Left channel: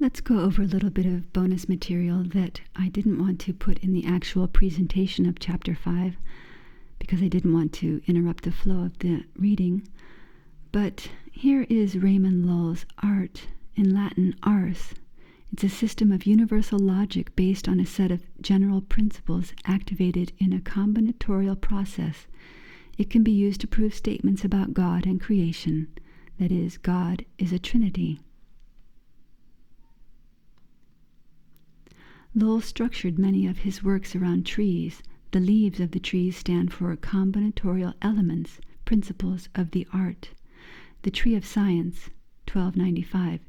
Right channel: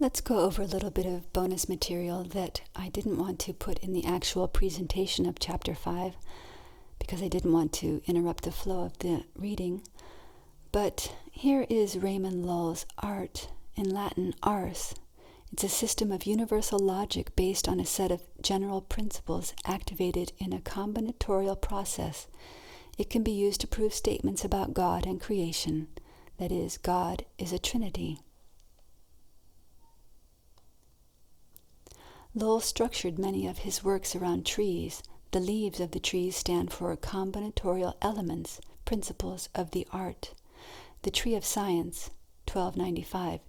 Let's go over a little bit of bonus material that I didn't want to put in the actual presentation of Chapter 5 because I didn't want to interrupt the flow of the reading. But here is Raymond Lull's art, in Latin ars. It's a system of universal logic based on a set of general principles activated in a combinatorial process. It can be used to prove statements about God and creation. That is, God is a trinity. Lull structured many of his works around trees. The leaves of the trees stand for combinatorial elements, principles of the art. The Tree of Science, 1295-6,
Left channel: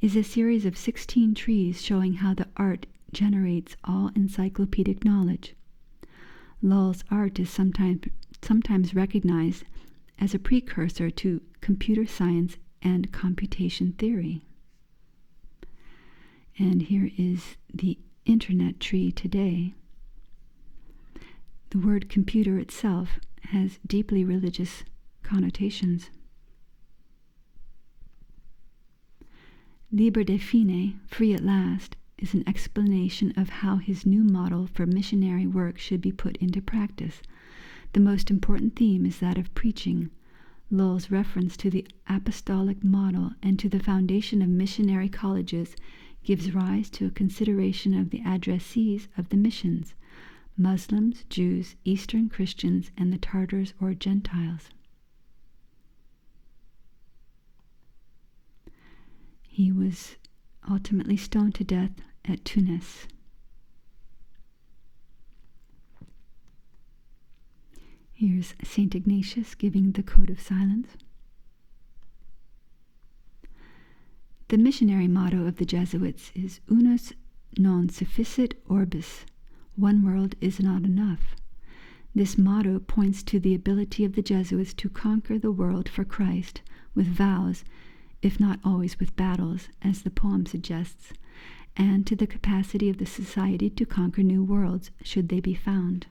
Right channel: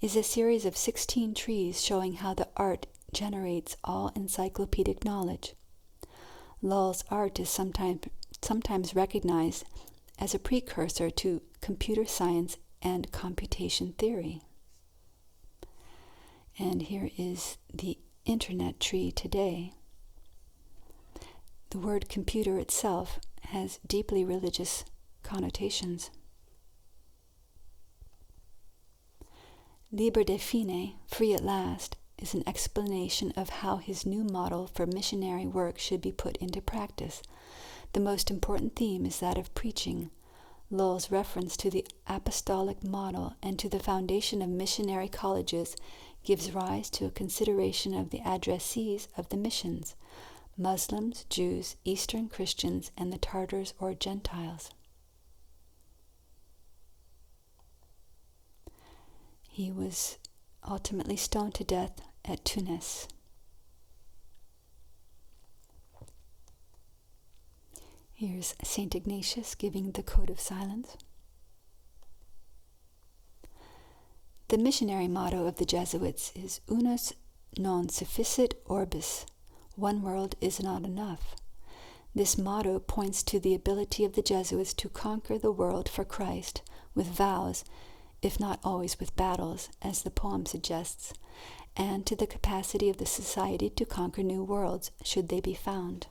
is a series of 16 trees showing how the art generates all encyclopedic knowledge. Lull's art is sometimes recognized as a precursor to computer science and computation theory. And here is the internet tree today. The word computer itself has deeply religious connotations. Liber de fine, free at last, is an explanation of how his new model for missionary work should be put into practice. The most important theme is that of preaching. Lull's reference to the apostolic model and to the foundation of missionary colleges gives rise to a consideration of the addressees of the missions: Muslims, Jews, Eastern Christians, and the Tartars or Gentiles. He was ultimately stoned to death at Tunis. Here's St. Ignatius giving the Code of Silence. The missionary motto of the Jesuits is Unus non sufficit orbis. One world is not enough. This motto points to the ability of the Jesuits to conquer the world for Christ with vows, if not always with battles, as the poem suggests, and to the capacity of the society to conquer new worlds should they be found.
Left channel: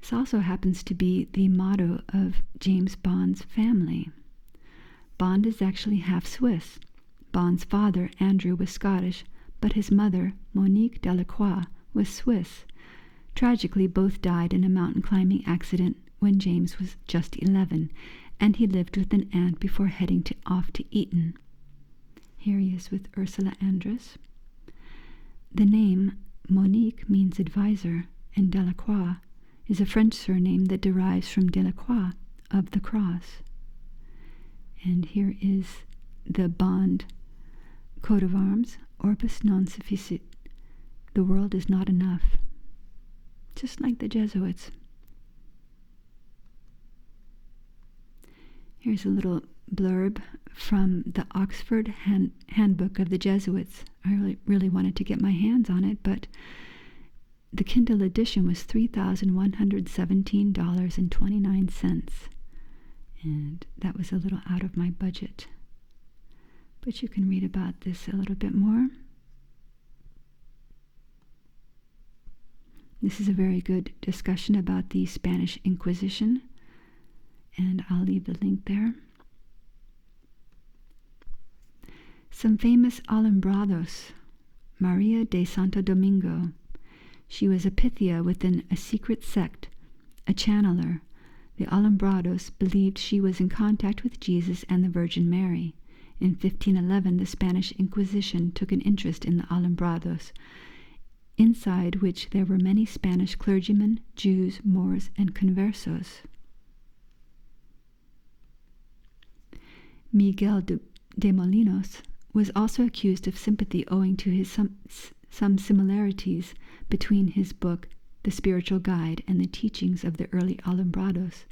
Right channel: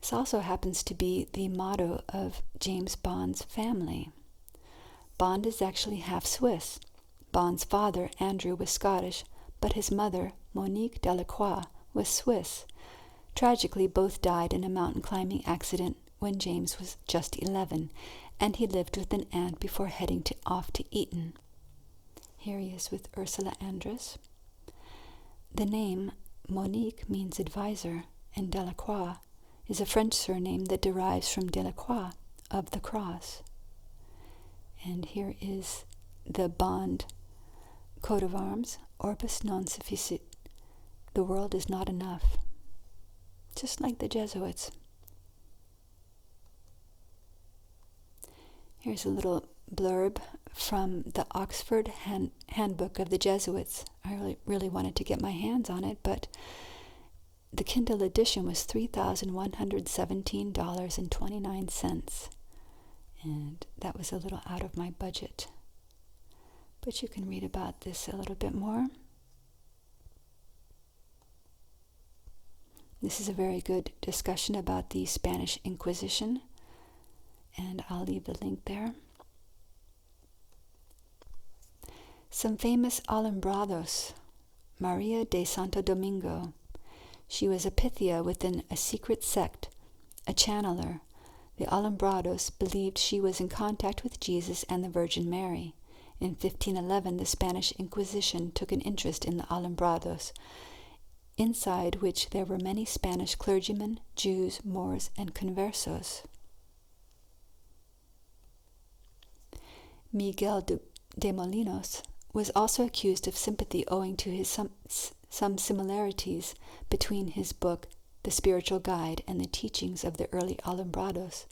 This also happens to be the motto of James Bond's family. Bond is actually half Swiss. Bond's father, Andrew, was Scottish, but his mother, Monique Delacroix, was Swiss. Tragically, both died in a mountain climbing accident when James was just 11, and he lived with an aunt before heading off to Eton. Here he is with Ursula Andress. The name Monique means advisor, and Delacroix is a French surname that derives from Delacroix, of the cross. And here is the Bond coat of arms, orbis non sufficit. The world is not enough. Just like the Jesuits. Here's a little blurb from the Oxford Handbook of the Jesuits. I really wanted to get my hands on it, but the Kindle edition was $3,117.29. And that was a little out of my budget. But you can read about this a little bit more. This is a very good discussion about the Spanish Inquisition, and I'll leave the link there. Some famous Alumbrados. Maria de Santo Domingo. She was a Pythia within a secret sect, a channeler. The Alumbrados believed she was in contact with Jesus and the Virgin Mary. In 1511, the Spanish Inquisition took an interest in the Alumbrados, inside which there were many Spanish clergymen, Jews, Moors, and conversos. Miguel de Molinos was also accused of sympathy owing to his some similarities between his book, The Spiritual Guide, and the teachings of the early Alumbrados.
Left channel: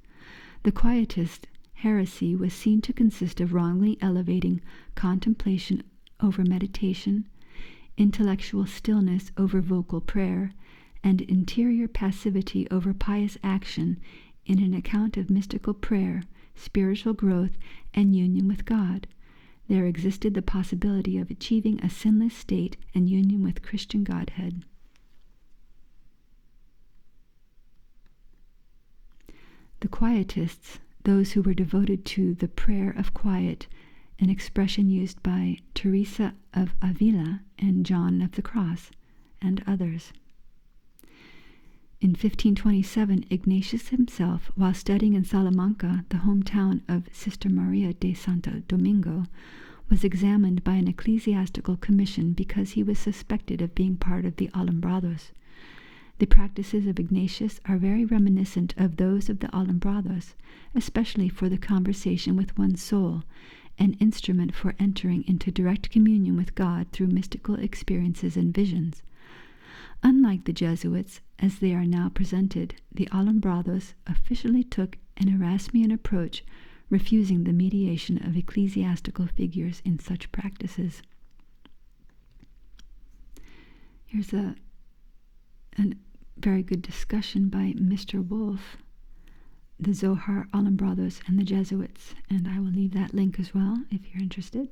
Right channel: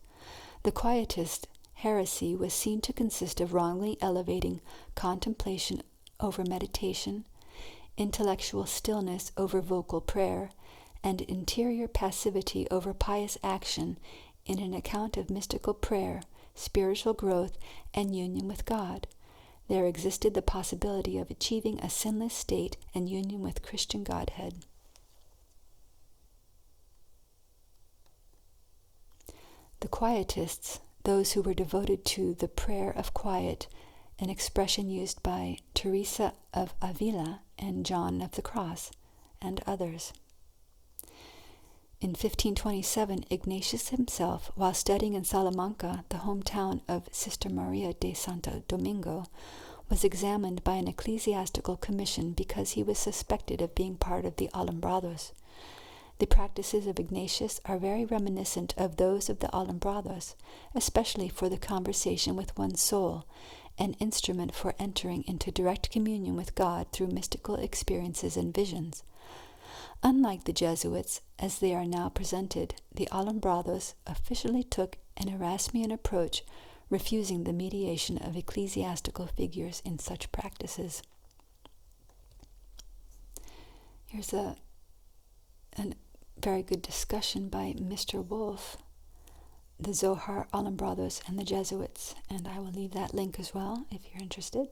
The Quietist heresy was seen to consist of wrongly elevating contemplation over meditation, intellectual stillness over vocal prayer, and interior passivity over pious action in an account of mystical prayer, spiritual growth, and union with God. There existed the possibility of achieving a sinless state and union with Christian Godhead. The Quietists, those who were devoted to the prayer of quiet, an expression used by Teresa of Avila and John of the Cross, and others. In 1527, Ignatius himself, while studying in Salamanca, the hometown of Sister Maria de Santo Domingo, was examined by an ecclesiastical commission because he was suspected of being part of the Alumbrados. The practices of Ignatius are very reminiscent of those of the Alumbrados, especially for the conversation with one's soul, an instrument for entering into direct communion with God through mystical experiences and visions. Unlike the Jesuits, as they are now presented, the Alumbrados officially took an Erasmian approach, refusing the mediation of ecclesiastical figures in such practices. Here's a very good discussion by Mr. Wolf, the Zohar, Alumbrados, and the Jesuits, and I will leave that link as well if you're interested.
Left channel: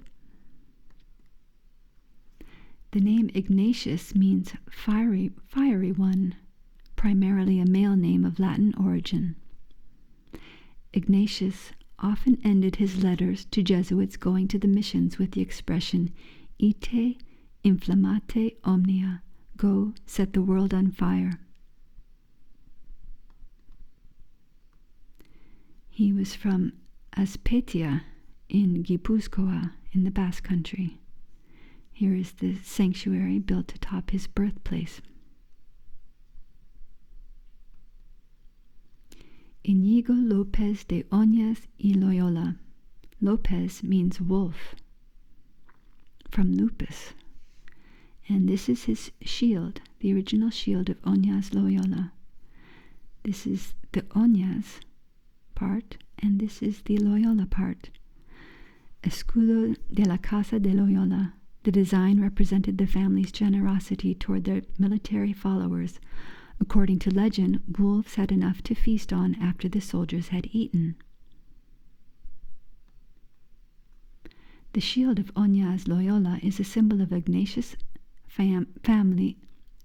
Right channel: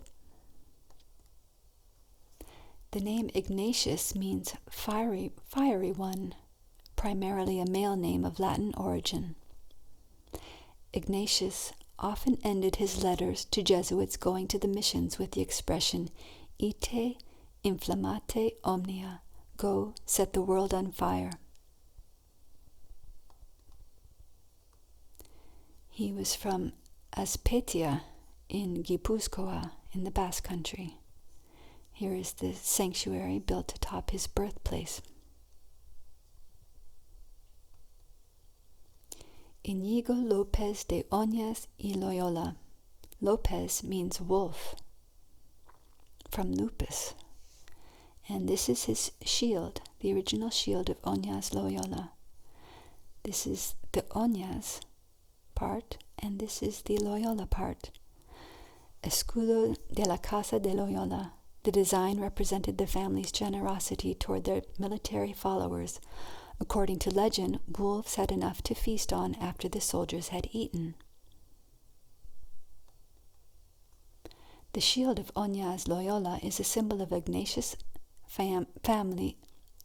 The name Ignatius means fiery one, primarily a male name of Latin origin. Ignatius often ended his letters to Jesuits going to the missions with the expression "Ite inflammate omnia," go, set the world on fire. He was from Azpeitia in Gipuzkoa in the Basque Country. Here is the sanctuary built atop his birthplace. Inigo López de Oñas y Loyola. López means wolf, from lupus. And this is his shield, the original shield of Oñas Loyola. This is the Oñas part, and this is the Loyola part. Escudo de la Casa de Loyola. The design represented the family's generosity toward their military followers. According to legend, wolves had enough to feast on after the soldiers had eaten. The shield of Oñas Loyola is a symbol of Ignatius' family,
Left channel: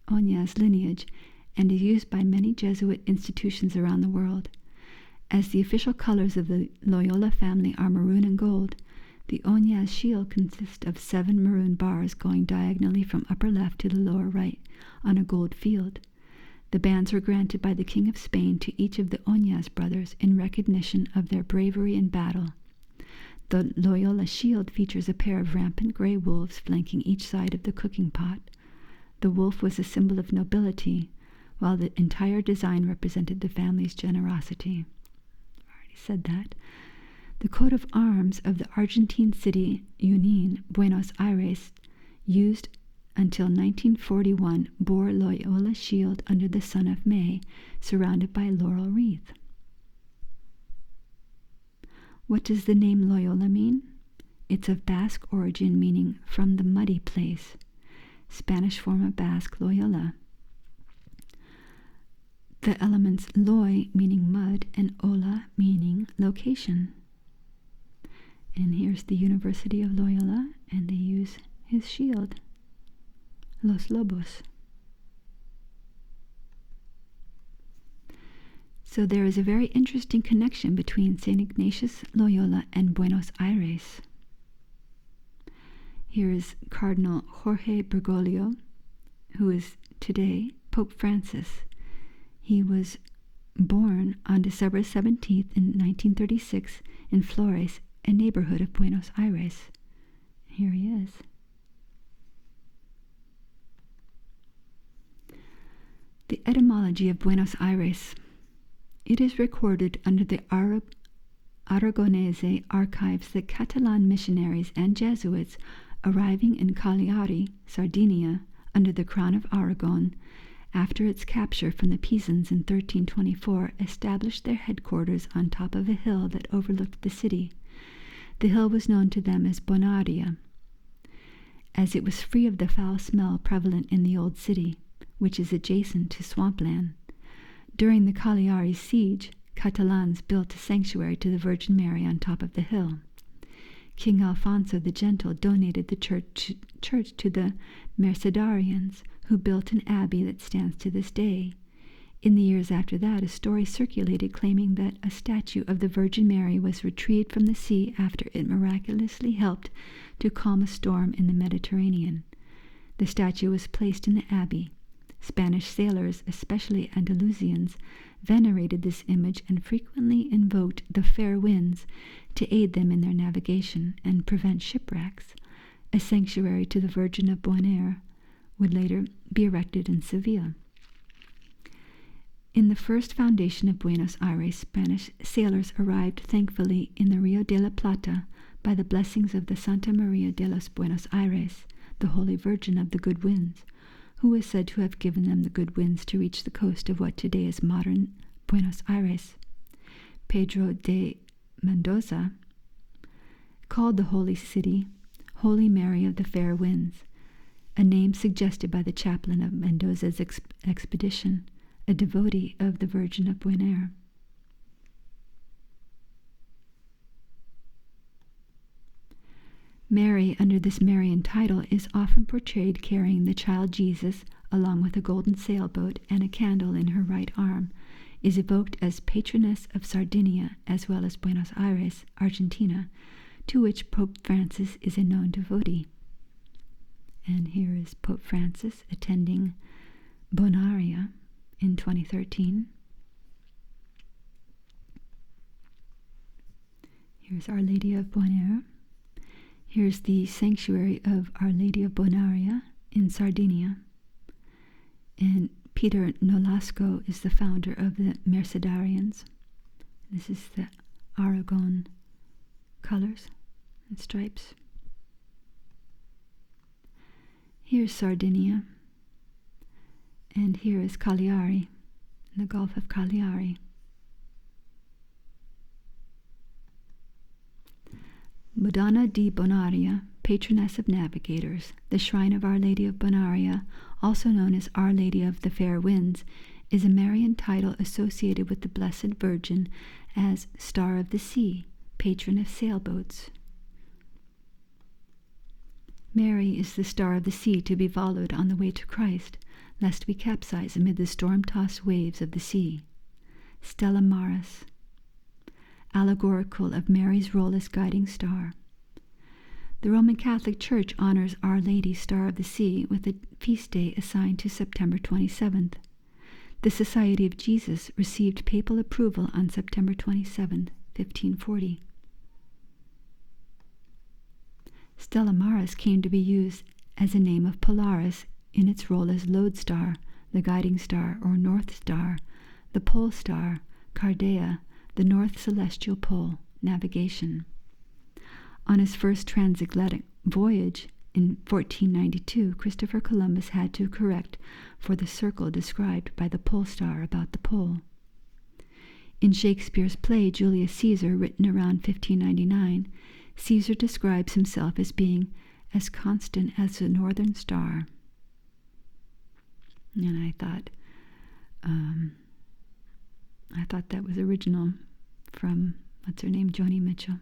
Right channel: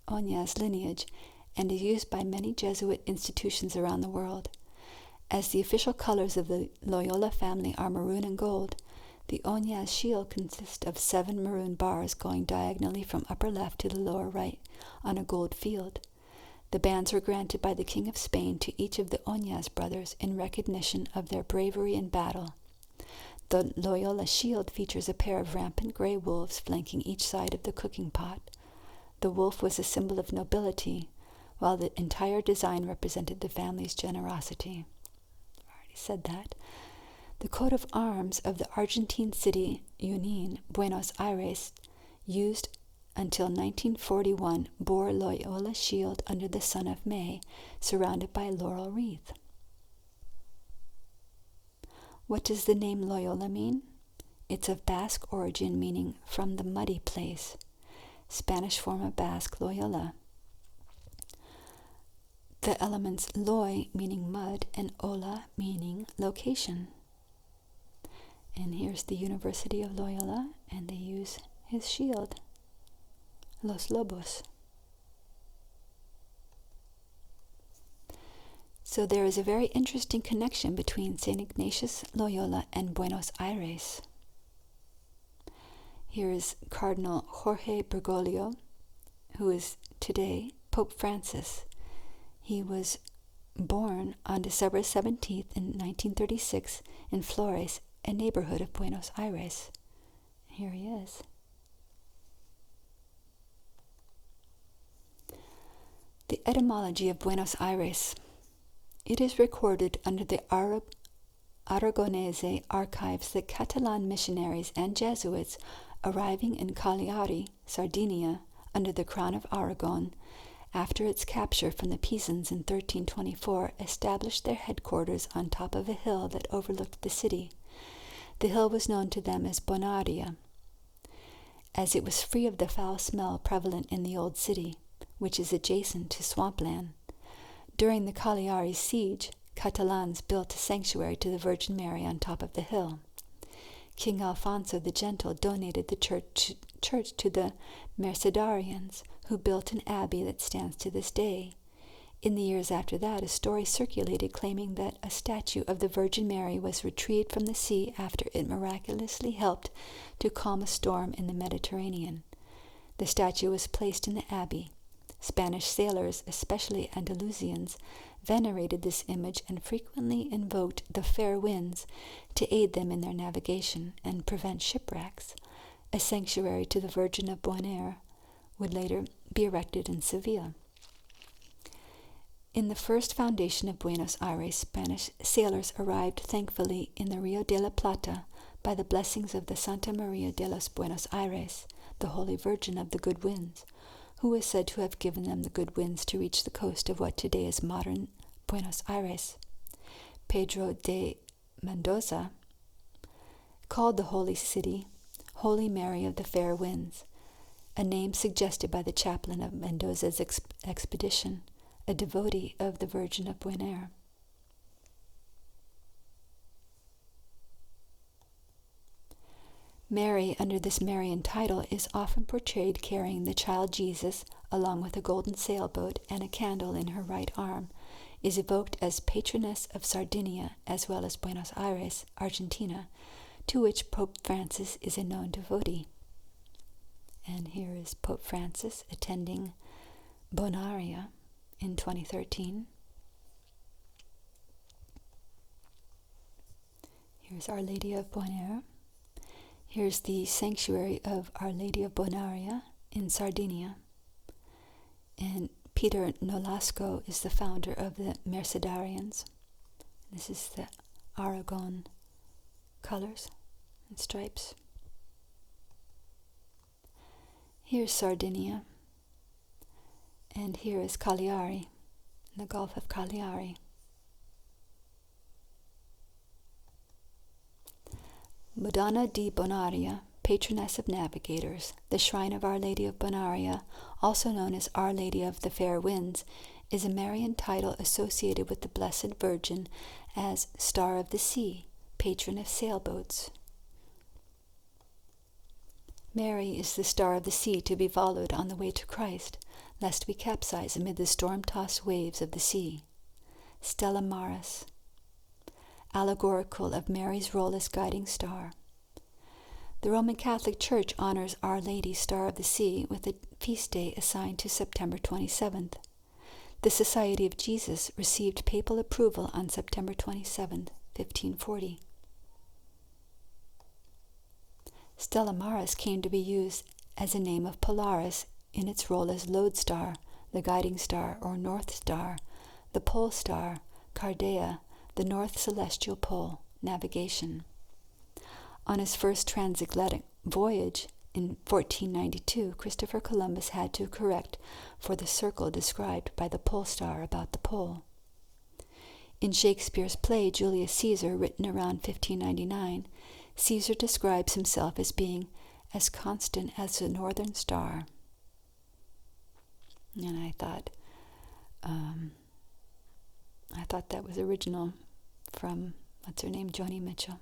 Oñas lineage, and is used by many Jesuit institutions around the world. As the official colors of the Loyola family are maroon and gold, the Oñas shield consists of 7 maroon bars going diagonally from upper left to the lower right on a gold field. The bands were granted by the King of Spain to each of the Oñas brothers in recognition of their bravery in battle. The Loyola shield features a pair of rampant gray wolves flanking each side of the cooking pot. The wolf was a symbol of nobility, while the entire design represented the family's generosity. I already said that. The coat of arms of the Argentine city Junín, Buenos Aires, used until 1941, bore Loyola's shield under the sun of May, surrounded by a laurel wreath. What does the name Loyola mean? It's of Basque origin, meaning from the muddy place. Spanish form of Basque, Loyola. The elements loy, meaning mud, and ola, meaning location. And here's the University of Loyola, and they use his shield, Los Lobos. So there is a very interesting connection between St. Ignatius Loyola and Buenos Aires. Here is Cardinal Jorge Bergoglio, who is today Pope Francis. He was born on December 17th in 1936 in Flores, a neighborhood of Buenos Aires. Here he is. The etymology of Buenos Aires. It is recorded under the Aragonese archives that Catalan missionaries and Jesuits arriving in Cagliari, Sardinia, under the Crown of Aragon, after its capture from the Pisans in 1324, established their headquarters on top of a hill that overlooked the city. The hill was known to them as Bonaria, as it was free of the foul smell prevalent in the old city, which is adjacent to swampland. During the Cagliari siege, Catalans built a sanctuary to the Virgin Mary on top of the hill. King Alfonso the Gentle donated the church to the Mercedarians, who built an abbey that stands to this day. In the years after that, a story circulated claiming that a statue of the Virgin Mary was retrieved from the sea after it miraculously helped to calm a storm in the Mediterranean. The statue was placed in the abbey. Spanish sailors, especially Andalusians, venerated this image and frequently invoked the fair winds to aid them in their navigation and prevent shipwrecks. A sanctuary to the Virgin of Buenos would later be erected in Seville. In the first foundation of Buenos Aires, Spanish sailors arrived thankfully in the Rio de la Plata by the blessings of the Santa Maria de los Buenos Aires, the Holy Virgin of the Good Winds, who was said to have given them the good winds to reach the coast of what today is modern Buenos Aires. Pedro de Mendoza called the holy city Holy Mary of the Fair Winds, a name suggested by the chaplain of Mendoza's expedition, a devotee of the Virgin of Buenos. Mary, under this Marian title, is often portrayed carrying the child Jesus along with a golden sailboat and a candle in her right arm, is evoked as patroness of Sardinia as well as Buenos Aires, Argentina, to which Pope Francis is a known devotee. And here is Pope Francis attending Bonaria in 2013. Here's Our Lady of Buenos. Here's the sanctuary of Our Lady of Bonaria in Sardinia. And Peter Nolasco is the founder of the Mercedarians. This is the Aragon colors and stripes. Here's Sardinia. And here is Cagliari, in the Gulf of Cagliari. Madonna di Bonaria, patroness of navigators, the shrine of Our Lady of Bonaria, also known as Our Lady of the Fair Winds, is a Marian title associated with the Blessed Virgin as Star of the Sea, patron of sailboats. Mary is the star of the sea to be followed on the way to Christ, lest we capsize amid the storm-tossed waves of the sea. Stella Maris, allegorical of Mary's role as guiding star. The Roman Catholic Church honors Our Lady, Star of the Sea, with a feast day assigned to September 27th. The Society of Jesus received papal approval on September 27th, 1540. Stella Maris came to be used as a name of Polaris in its role as lodestar, the guiding star or north star, the pole star, Cardinal, the north celestial pole, navigation. On his first transatlantic voyage in 1492, Christopher Columbus had to correct for the circle described by the pole star about the pole. In Shakespeare's play Julius Caesar, written around 1599, Caesar describes himself as being as constant as the northern star. And I thought that was original from, what's her name, Joni Mitchell.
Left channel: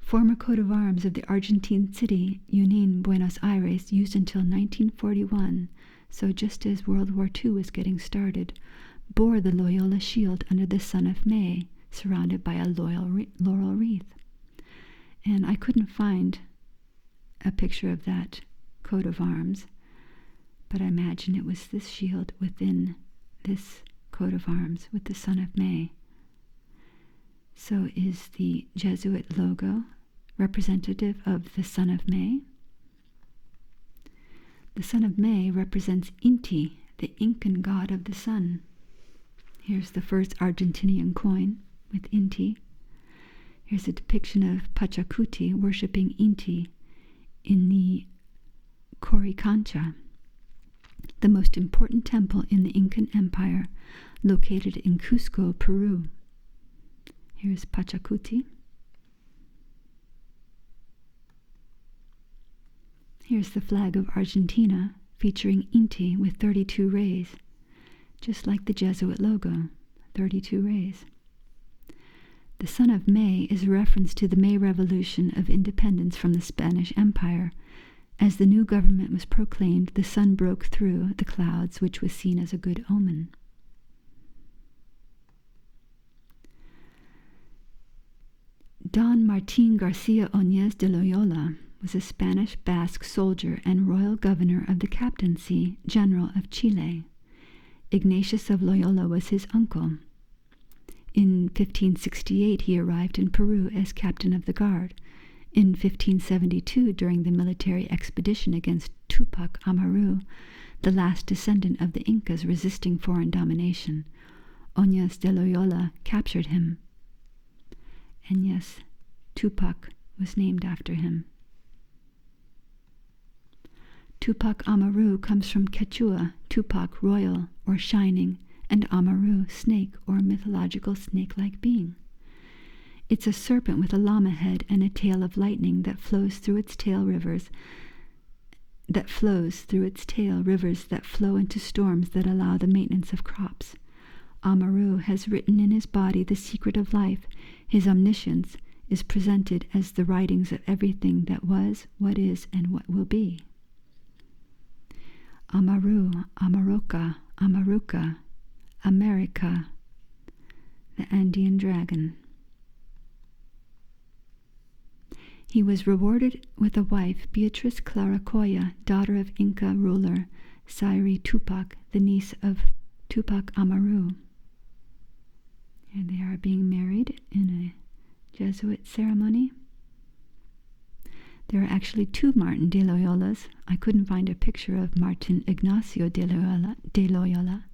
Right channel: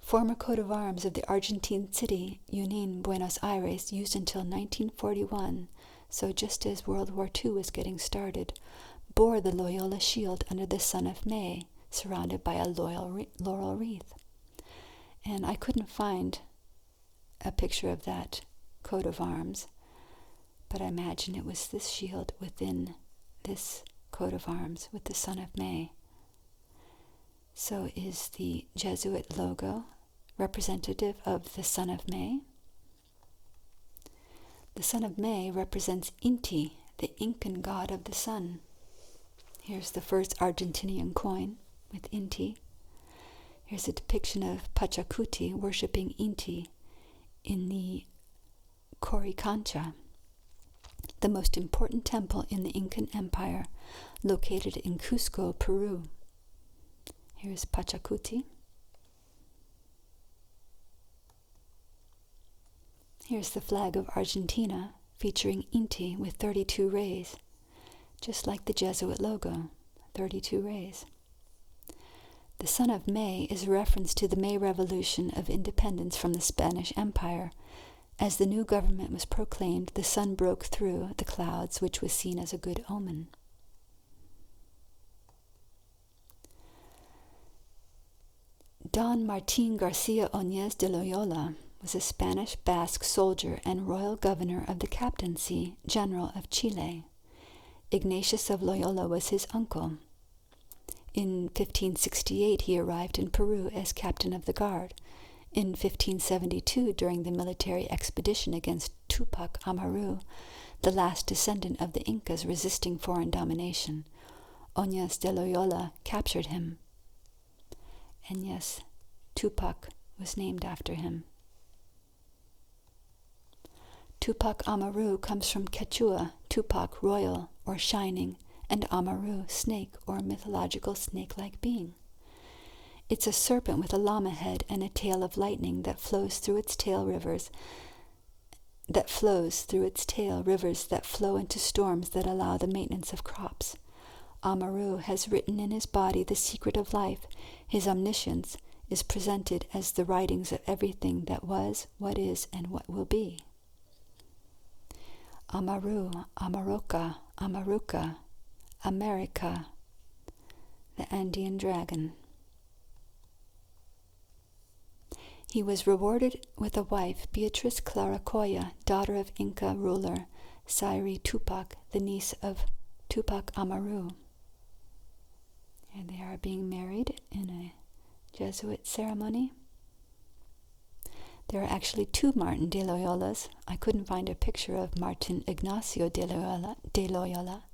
Former coat of arms of the Argentine city, Union Buenos Aires, used until 1941, so just as World War II was getting started, bore the Loyola shield under the sun of May, surrounded by a laurel wreath. And I couldn't find a picture of that coat of arms, but I imagine it was this shield within this coat of arms with the sun of May. So is the Jesuit logo representative of the Son of May? The Son of May represents Inti, the Incan god of the sun. Here's the first Argentinian coin with Inti. Here's a depiction of Pachacuti worshipping Inti in the Coricancha, the most important temple in the Incan Empire, located in Cusco, Peru. Here's Pachacuti. Here's the flag of Argentina, featuring Inti with 32 rays, just like the Jesuit logo, 32 rays. The Son of May is a reference to the May Revolution of independence from the Spanish Empire, As the new government was proclaimed, the sun broke through the clouds, which was seen as a good omen. Don Martín García Oñez de Loyola was a Spanish Basque soldier and royal governor of the Captaincy General of Chile. Ignatius of Loyola was his uncle. In 1568 he arrived in Peru as captain of the guard. In 1572, during the military expedition against Tupac Amaru, the last descendant of the Incas resisting foreign domination, Oñez de Loyola captured him. And yes, Tupac was named after him. Tupac Amaru comes from Quechua, Tupac, royal or shining, and Amaru, snake or mythological snake-like being. It's a serpent with a llama head and a tail of lightning that flows through its tail rivers that flow into storms that allow the maintenance of crops. Amaru has written in his body the secret of life. His omniscience is presented as the writings of everything that was, what is, and what will be. Amaru, Amaroka, Amaruka, America, the Andean dragon. He was rewarded with a wife, Beatriz Claracoya, daughter of Inca ruler Sayri Tupac, the niece of Tupac Amaru. Here they are being married in a Jesuit ceremony. There are actually two Martin de Loyolas. I couldn't find a picture of Martin Ignacio de Loyola.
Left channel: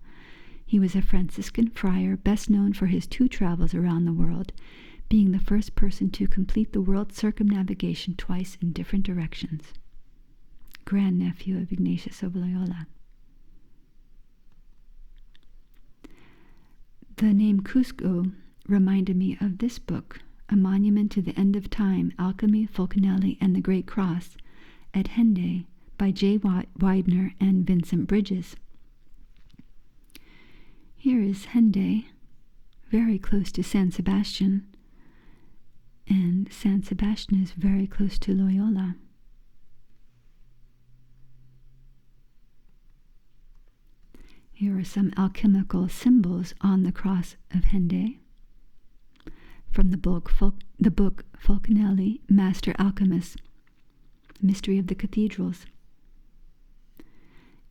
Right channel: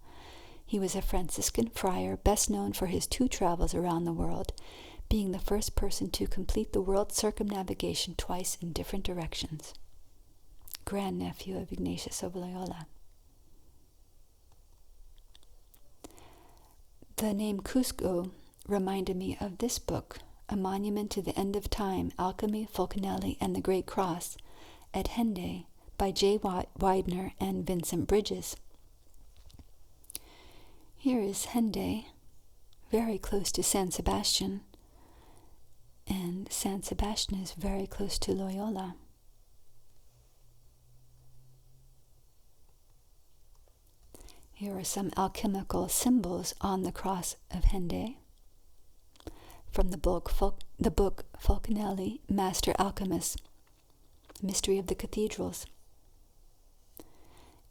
He was a Franciscan friar, best known for his 2 travels around the world, being the first person to complete the world circumnavigation twice in different directions. Grandnephew of Ignatius of Loyola. The name Cusco reminded me of this book, A Monument to the End of Time, Alchemy, Fulcanelli, and the Great Cross, at Hendeye, by J. Widener and Vincent Bridges. Here is Hendeye, very close to San Sebastian, and San Sebastian is very close to Loyola. Here are some alchemical symbols on the cross of Hendeye from the book Fulcanelli, Master Alchemist, Mystery of the Cathedrals.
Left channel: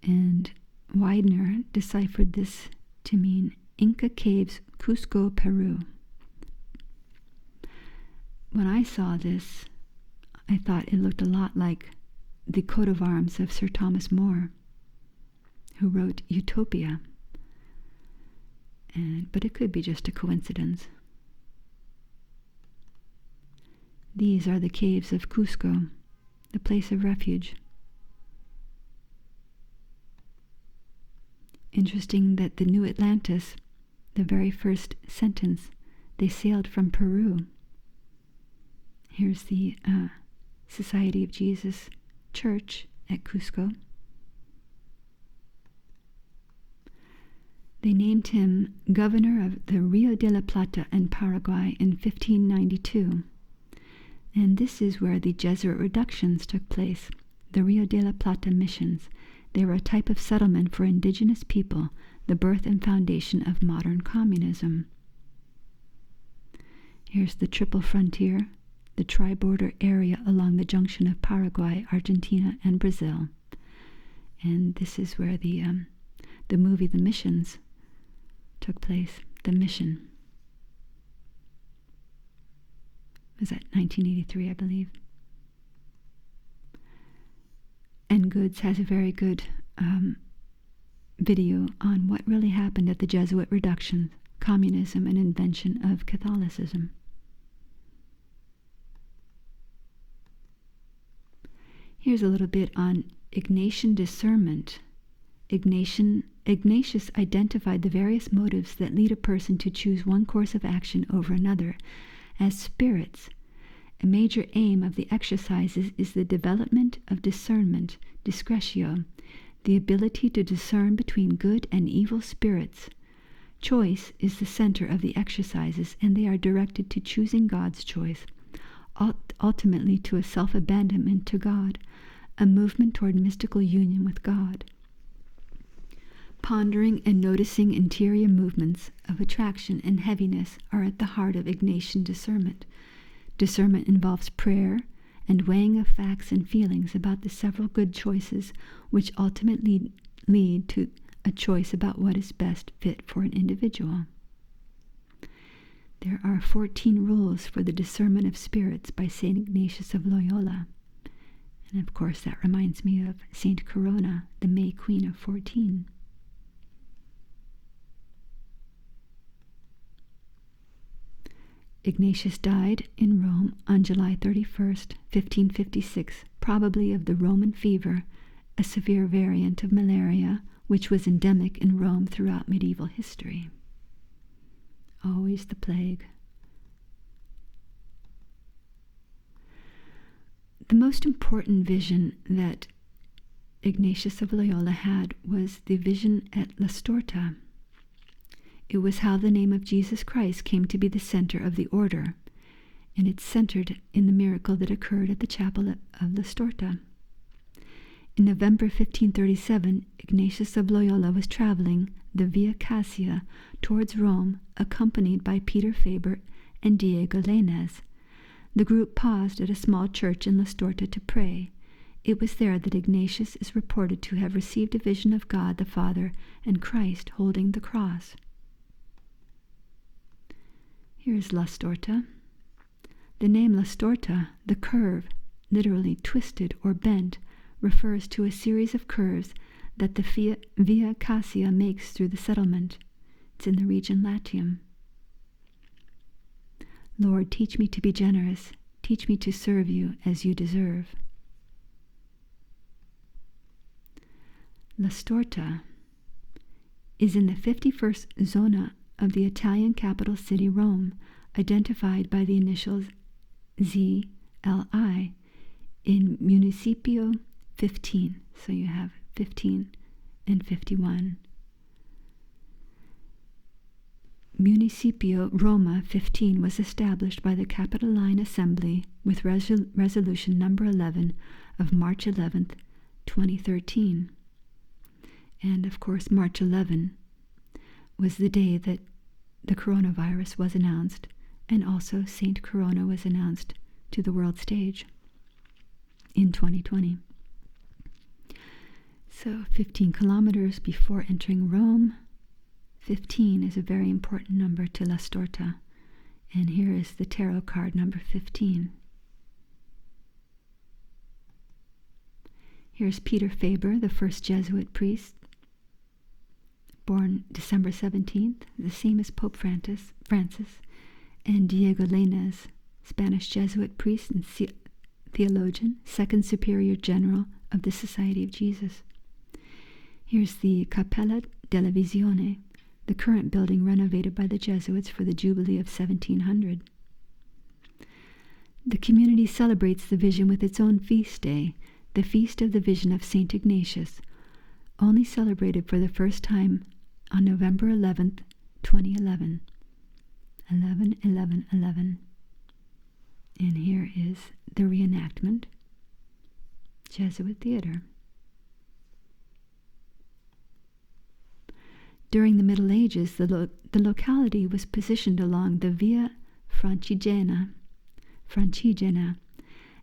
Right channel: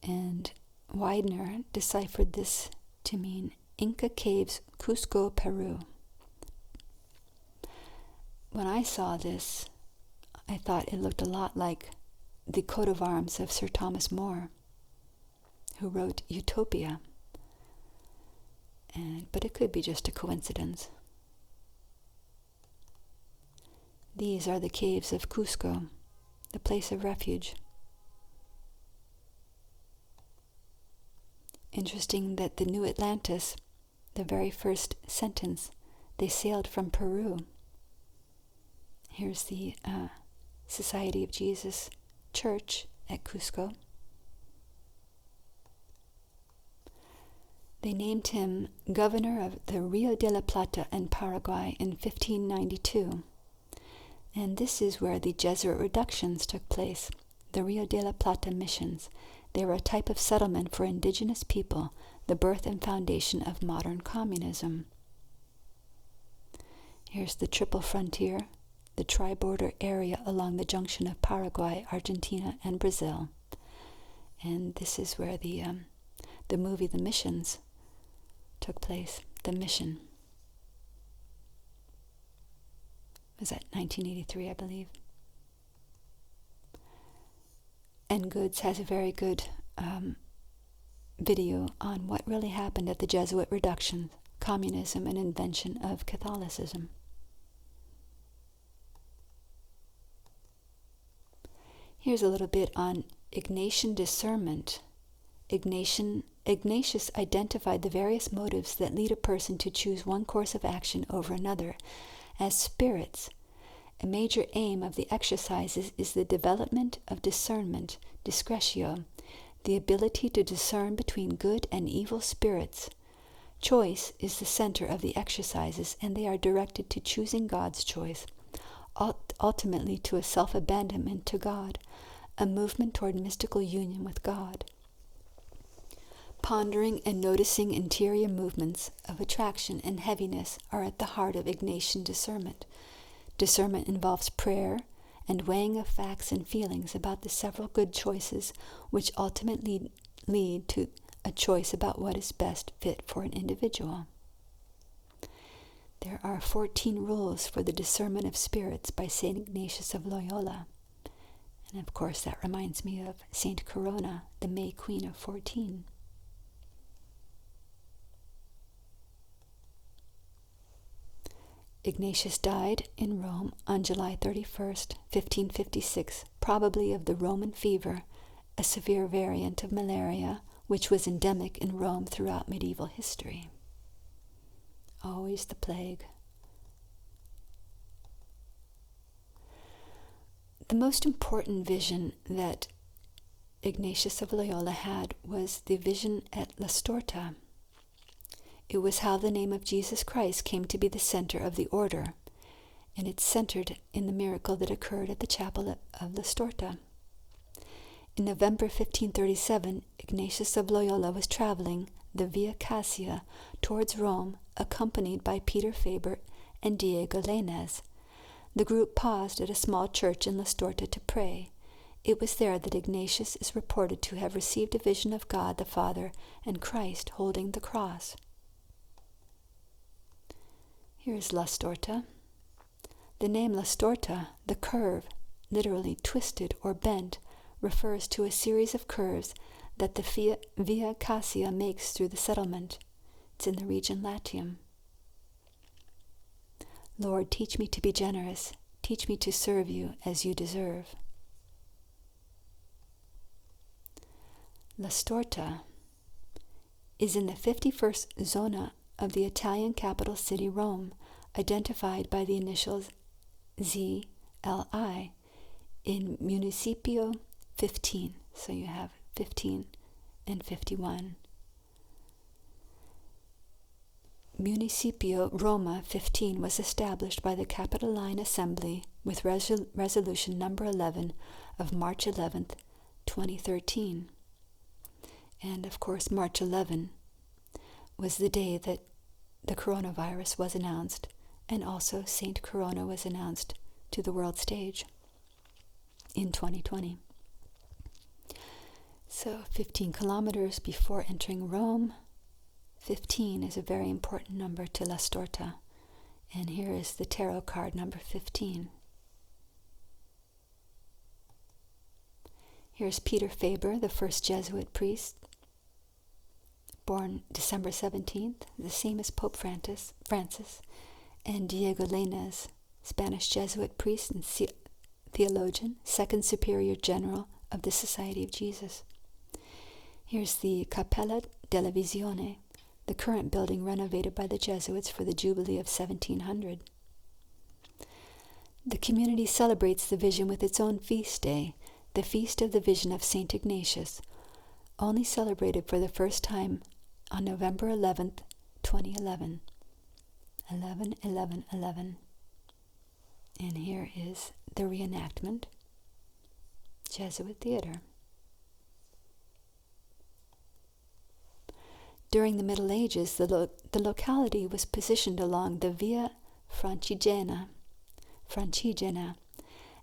And Widener deciphered this to mean Inca Caves, Cusco, Peru. When I saw this, I thought it looked a lot like the coat of arms of Sir Thomas More, who wrote Utopia. But it could be just a coincidence. These are the caves of Cusco, the place of refuge. Interesting that the New Atlantis, the very first sentence, they sailed from Peru. Here's the Society of Jesus Church at Cusco. They named him governor of the Rio de la Plata in Paraguay in 1592. And this is where the Jesuit reductions took place, the Rio de la Plata missions. They were a type of settlement for indigenous people, the birth and foundation of modern communism. Here's the triple frontier, the tri-border area along the junction of Paraguay, Argentina, and Brazil. And this is where the movie The Missions took place, The Mission. Was that 1983, I believe? And Goods has a very good video on what really happened at the Jesuit reductions, communism, and invention of Catholicism. Here's a little bit on Ignatian discernment. Ignatius identified the various motives that lead a person to choose one course of action over another as spirits. A major aim of the exercises is the development of discernment, discretio, the ability to discern between good and evil spirits. Choice is the center of the exercises, and they are directed to choosing God's choice, ultimately to a self-abandonment to God, a movement toward mystical union with God. Pondering and noticing interior movements of attraction and heaviness are at the heart of Ignatian discernment. Discernment involves prayer and weighing of facts and feelings about the several good choices which ultimately lead to a choice about what is best fit for an individual. There are 14 rules for the discernment of spirits by St. Ignatius of Loyola. And of course that reminds me of St. Corona, the May Queen of 14. Ignatius died in Rome on July 31st, 1556, probably of the Roman fever, a severe variant of malaria which was endemic in Rome throughout medieval history. Always the plague. The most important vision that Ignatius of Loyola had was the vision at La Storta. It was how the name of Jesus Christ came to be the center of the order, and it's centered in the miracle that occurred at the chapel of La Storta. In November 1537, Ignatius of Loyola was traveling the Via Cassia towards Rome, accompanied by Peter Faber and Diego Lainez. The group paused at a small church in La Storta to pray. It was there that Ignatius is reported to have received a vision of God the Father and Christ holding the cross. Here is La Storta. The name La Storta, the curve, literally twisted or bent, refers to a series of curves that the Via Cassia makes through the settlement. It's in the region Latium. Lord, teach me to be generous. Teach me to serve you as you deserve. La Storta is in the 51st zona of the Italian capital city Rome, identified by the initials ZLI in Municipio 15. So you have 15 and 51. Municipio Roma 15 was established by the Capitoline Assembly with resolution number 11 of March 11th, 2013. And of course, March 11 was the day that the coronavirus was announced, and also Saint Corona was announced to the world stage in 2020. So 15 kilometers before entering Rome, 15 is a very important number to La Storta. And here is the tarot card number 15. Here's Peter Faber, the first Jesuit priest, born December 17th, the same as Pope Francis, and Diego Lainez, Spanish Jesuit priest and theologian, second superior general of the Society of Jesus. Here's the Cappella della Visione, the current building renovated by the Jesuits for the Jubilee of 1700. The community celebrates the vision with its own feast day, the Feast of the Vision of St. Ignatius, only celebrated for the first time on November 11th, 2011. 11/11/11. And here is the reenactment, Jesuit Theater. During the Middle Ages, the locality was positioned along the Via Francigena,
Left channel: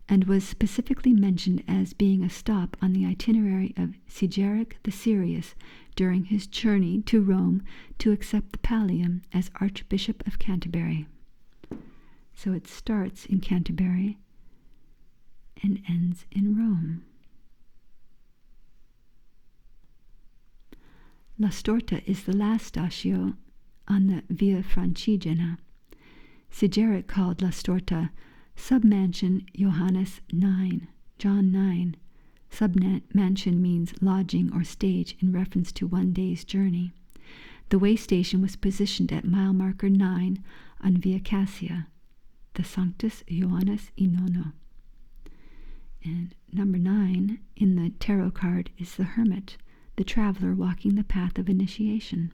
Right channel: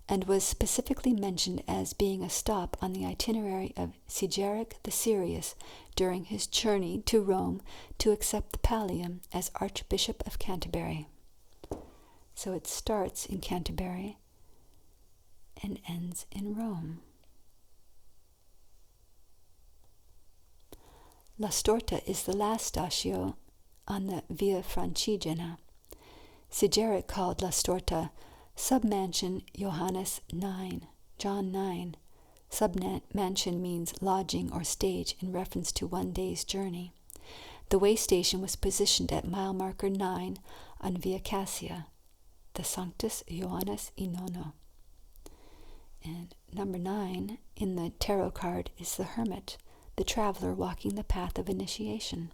and was specifically mentioned as being a stop on the itinerary of Sigeric the Serious during his journey to Rome to accept the pallium as Archbishop of Canterbury. So it starts in Canterbury and ends in Rome. La Storta is the last statio on the Via Francigena. Sigeric called La Storta Submansion Johannes 9, John 9. Submansion means lodging or stage in reference to one day's journey. The way station was positioned at mile marker 9 on Via Cassia, the Sanctus Johannes I Nono. And number 9 in the tarot card is the Hermit, the traveler walking the path of initiation.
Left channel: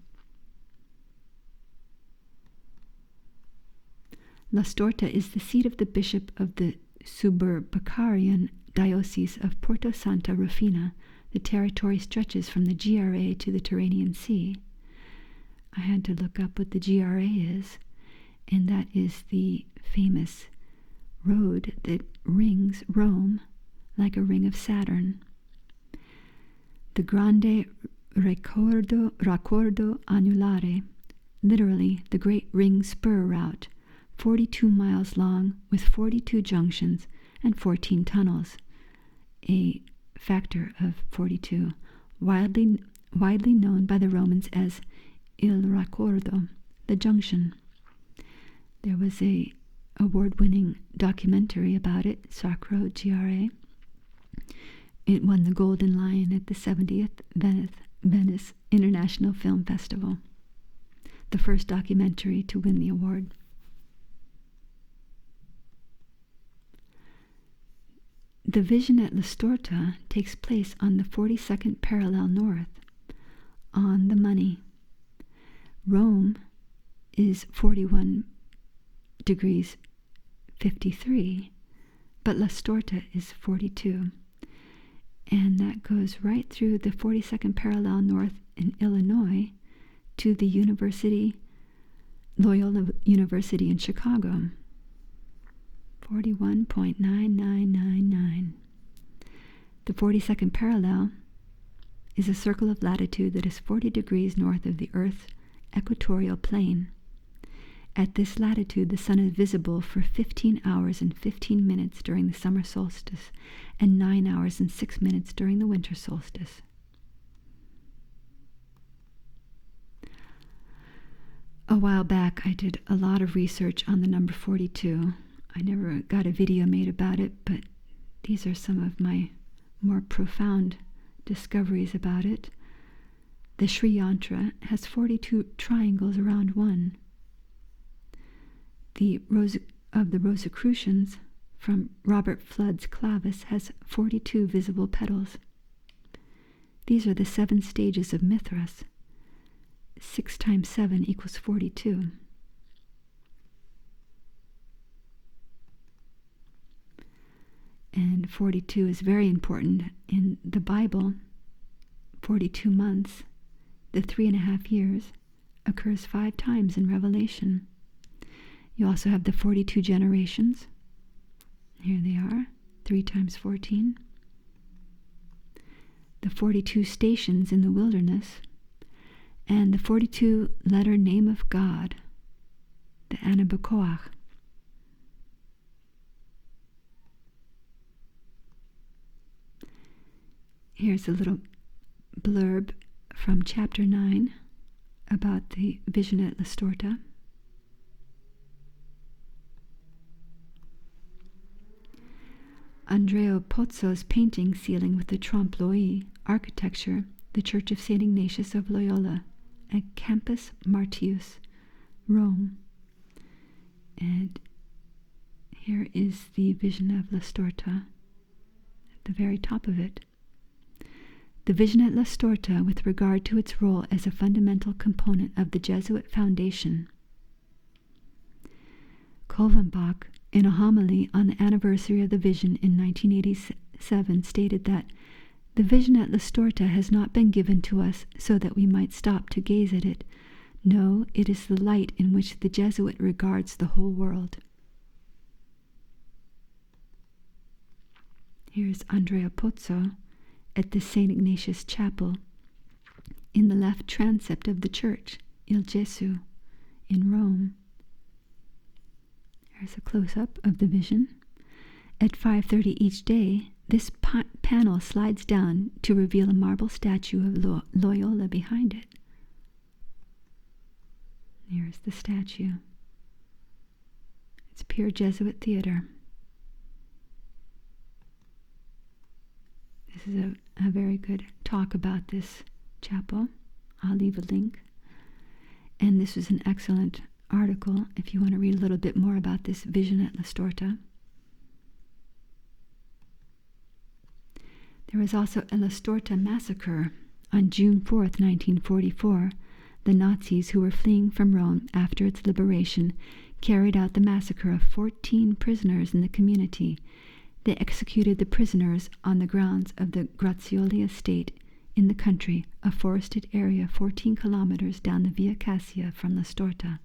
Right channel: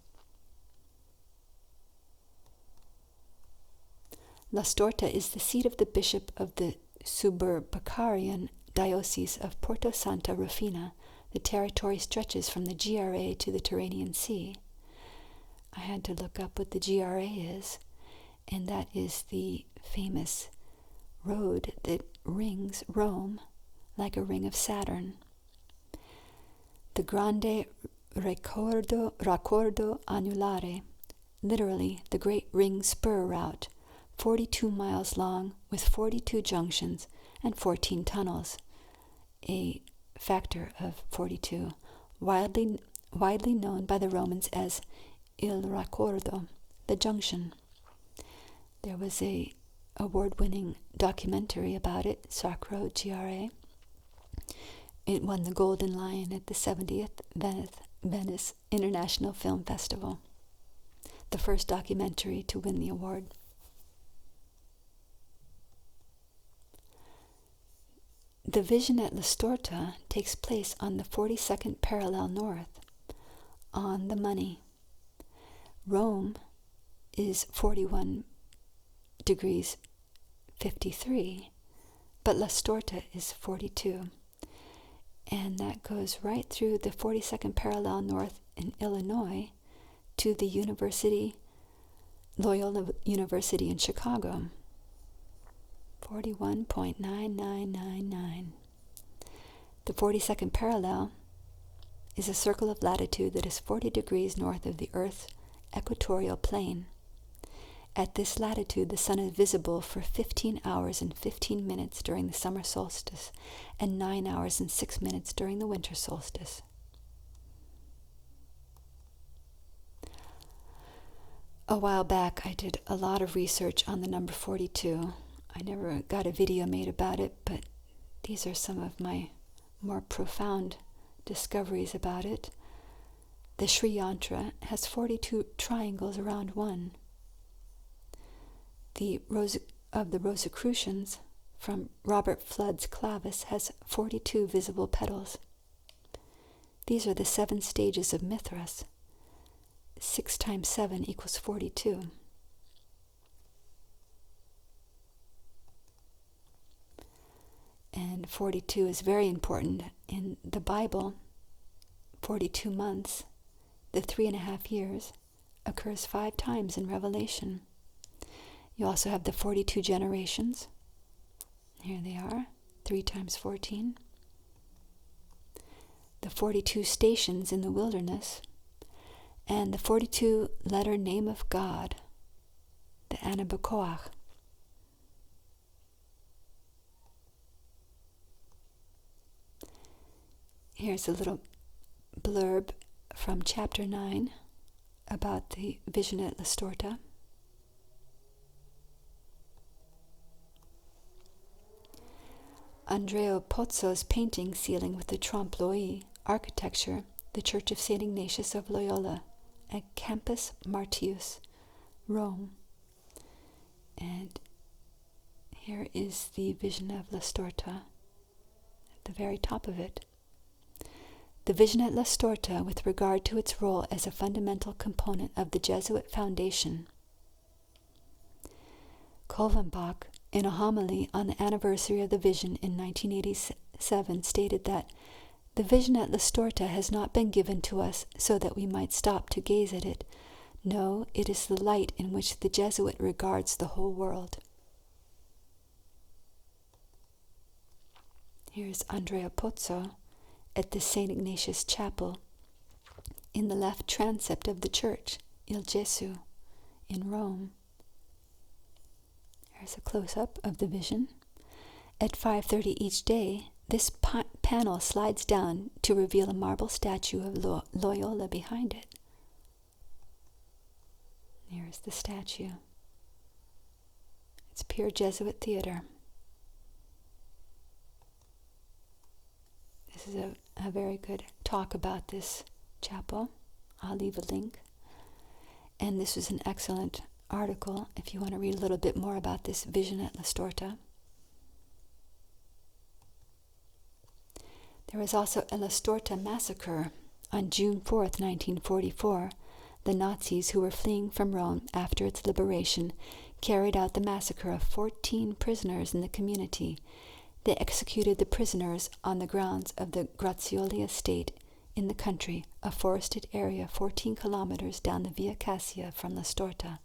La Storta is the seat of the bishop of the Suburbicarian Diocese of Porto Santa Rufina, the territory stretches from the GRA to the Tyrrhenian Sea. I had to look up what the GRA is, and that is the famous road that rings Rome like a ring of Saturn. The Grande Raccordo Anulare, literally the Great Ring Spur Route, 42 miles long with 42 junctions and 14 tunnels, a factor of 42, widely known by the Romans as Il Raccordo, the junction. There was a award-winning documentary about it, Sacro GRA. It won the Golden Lion at the 70th Venice International Film Festival, the first documentary to win the award. The vision at La Storta takes place on the 42nd parallel north, on the money. Rome is 41 degrees 53, but La Storta is 42. And that goes right through the 42nd parallel north in Illinois to the university, Loyola University in Chicago. 41.9999. The 42nd parallel is a circle of latitude that is 40 degrees north of the Earth's equatorial plane. At this latitude, the sun is visible for 15 hours and 15 minutes during the summer solstice and 9 hours and 6 minutes during the winter solstice. A while back, I did a lot of research on the number 42. I never got a video made about it, but these are some of my more profound discoveries about it. The Sri Yantra has 42 triangles around one. The Rosicrucians from Robert Flood's clavis has 42 visible petals. These are the 7 stages of Mithras. 6 times 7 equals 42. And 42 is very important in the Bible. 42 months, the 3.5 years, occurs 5 times in Revelation. You also have the 42 generations. Here they are, 3 times 14. The 42 stations in the wilderness, and the 42-letter name of God, the Anabacoach. Here's a little blurb from chapter 9 about the vision at La Storta. Andrea Pozzo's painting ceiling with the trompe-l'oeil architecture, the Church of St. Ignatius of Loyola at Campus Martius, Rome. And here is the vision of La Storta at the very top of it. The vision at La Storta with regard to its role as a fundamental component of the Jesuit foundation. Kolvenbach, in a homily on the anniversary of the vision in 1987, stated that the vision at La Storta has not been given to us so that we might stop to gaze at it. No, it is the light in which the Jesuit regards the whole world. Here's Andrea Pozzo at the St. Ignatius Chapel in the left transept of the church, Il Gesù, in Rome. There's a close-up of the vision. At 5:30 each day, this panel slides down to reveal a marble statue of Loyola behind it. Here's the statue. It's pure Jesuit theater. This is a very good talk about this chapel. I'll leave a link. And this is an excellent article if you want to read a little bit more about this vision at La Storta. There was also a La Storta massacre on June 4th, 1944. The Nazis, who were fleeing from Rome after its liberation, carried out the massacre of 14 prisoners in the community. They executed the prisoners on the grounds of the Grazioli estate in the country, a forested area 14 kilometers down the Via Cassia from La Storta.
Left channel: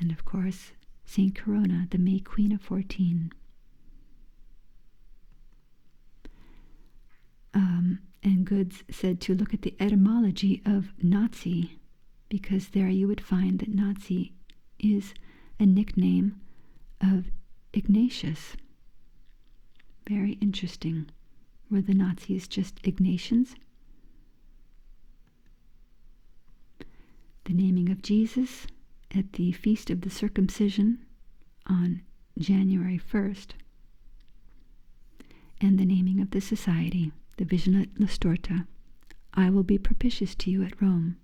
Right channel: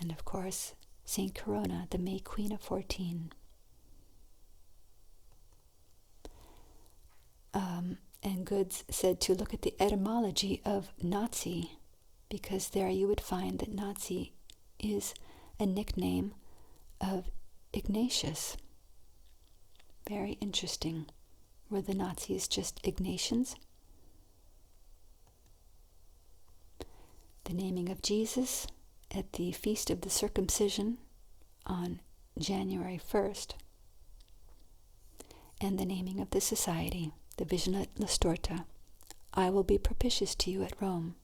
And of course, Saint Corona, the May Queen of 14. And Goods said to look at the etymology of Nazi, because there you would find that Nazi is a nickname of Ignatius. Very interesting. Were the Nazis just Ignatians? The naming of Jesus at the Feast of the Circumcision on January 1st. And the naming of the society, the Vision at La Storta. I will be propitious to you at Rome.